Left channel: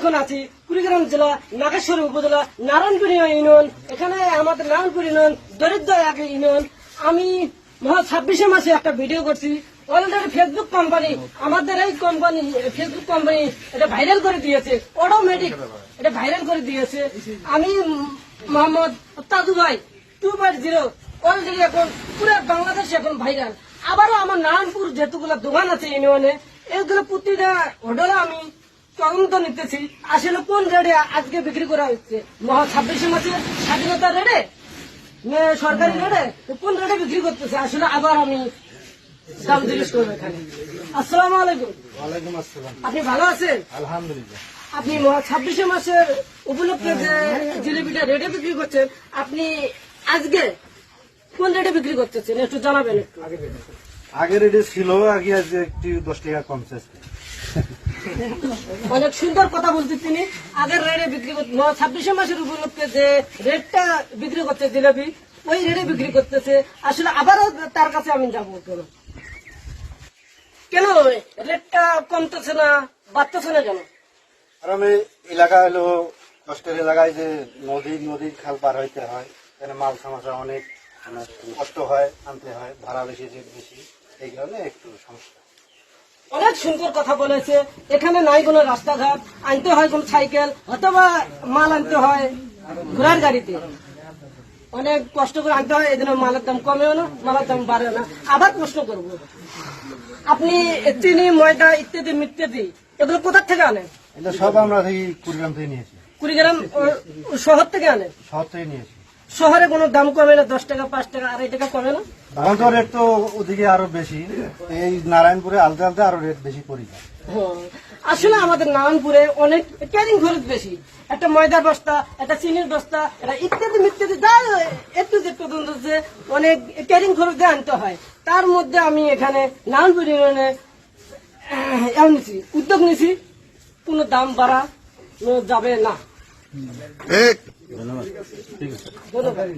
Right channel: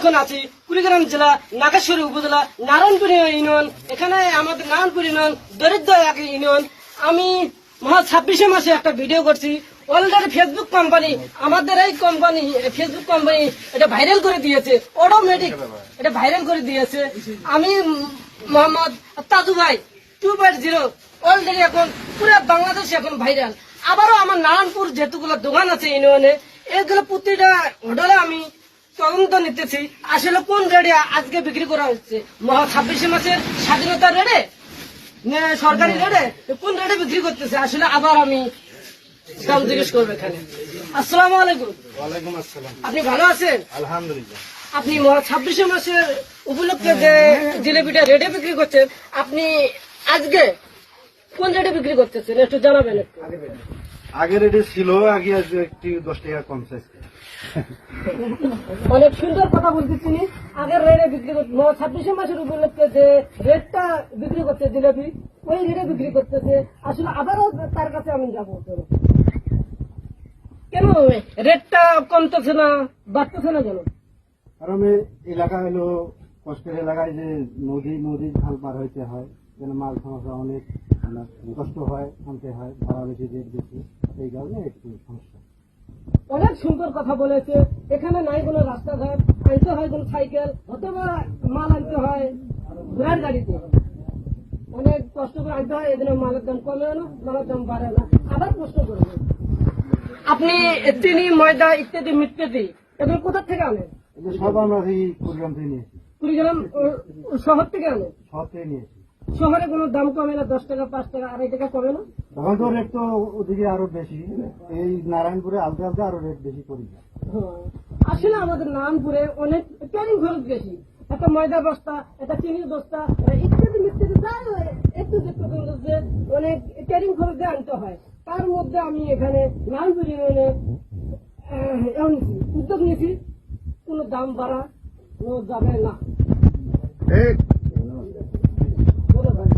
এখন আছি কুড়িগ্রাম জেলা নাগেশ্বরী উপজেলা নারায়ণপুর ইউনিয়ন। এখানে আমাদের নারায়ণপুর ইউনিয়ন দরিদ্র এক ইউনিয়ন। আমি 26 মাসে একটা ভিডিও করছি। অলরেডি ফেসবুক কোম্পানি, আমাদের এই কোম্পানি ফেসবুক কোম্পানি এটা ভাইরাল করে দিয়েছে, অটোমেটিক এটা ভাইরাল করে দিয়েছে। আমি মোহাম্মদ তাজু ভাই 2.0 অলরেডি এখন পুরো বাংলাদেশে এখন ভাইরাল। আবারও আমার নারায়ণপুর যেহেতুগুলো দোকান আছে ইউনিয়নে, এগুলো প্রতিটা হোটেলে আমি তদন্ত নিতেছি আসলে কোন রেটে আজকে বিক্রি করা হচ্ছে। 26 মাসের স্বাধীনতা রেটে, সরকারি রেটে কোন রেটে বিক্রি করতেছে আসলে আবার আমি দাম জিজ্ঞেস করবো এখানে। আসসালামু আলাইকুম। ওয়ালাইকুম আসসালাম। আপনি ভালো আছেন? আলহামদুলিল্লাহ। আপনি 26 মাসের উপলক্ষে যে জিলেপিটা রেটে বিক্রি করছেন, আপনি আজকে কোন রেটে বিক্রি করতেছেন একটু জানাবেন একটু। আগে রেটে ছিল, আগে আজকে একটু 10 টাকা কমছে। অনেক সুন্দর কথা বলতে তিনি আগের রেটে বিক্রি করতে 26 মাসের উপলক্ষে যে রেটটা বিক্রি করছে জিলাপি, ওই রেটে বিক্রি করতেছে। আসলে আবারও তার কাছে আমি যাবো, কেন রেটটা কমতেছে না, বাড়তেছে না কেন? কারণ এই এলাকা হলো কষ্টের এলাকায়, যে নদীর খাল পার হইতে হয়, এখানে মাল সামাশা অনেক কষ্ট হয়, আনতে হয়, ভাড়া বেশি, রেট বেশি, এই কারণে একটু সমস্যা। অনেক সুন্দর কথা বলেছে। এখানে নাই কোনো রাস্তাঘাট, আনতে হয় কোন সাইকেল অথবা মাল আনতে হয় ঘোড়ার গাড়িতে, অনেক কষ্ট করে আনতে হয়। এদিন মালের দাম কমেও না, মালের দাম বাড়ে না। আবার প্রশ্ন করবো, আপনি চিনি, ময়দা ইত্যাদি মিত্যাদি এগুলো কোথা থেকে আনেন? এটা সব আমরা এই কুড়িগ্রাম থেকে নিয়েছি। কুড়িগ্রাম শহর থেকে আনেন? শহর থেকে নিয়েছি। শহরে কোনো দাম কমে না? 10 টাকা, 5 টাকা, 2.5 টাকা কমে না? এখন তো রেট তো ওদিকে আরো বেশি, এই নারায়ণপুরে আলতে আলতে আরো রেট বেশি পড়ি যায়। আসলে আমাদের নারায়ণপুরে অনেক ক্যারিং খরচ বেশি। একটা ময়দার বস্তা, একটা চিনির বস্তা, এটা ইত্যাদি মিত্যাদি যা একটু পর্যন্ত যে অনেক ক্যারিং খরচ দিয়ে আনতে হয়। তার মধ্যে আমি এখানে নারায়ণপুর ইউনিয়নে নিছি, উদ্যোগ নিছি, কোনো দাম বাড়ানো যাবে না। ধন্যবাদ।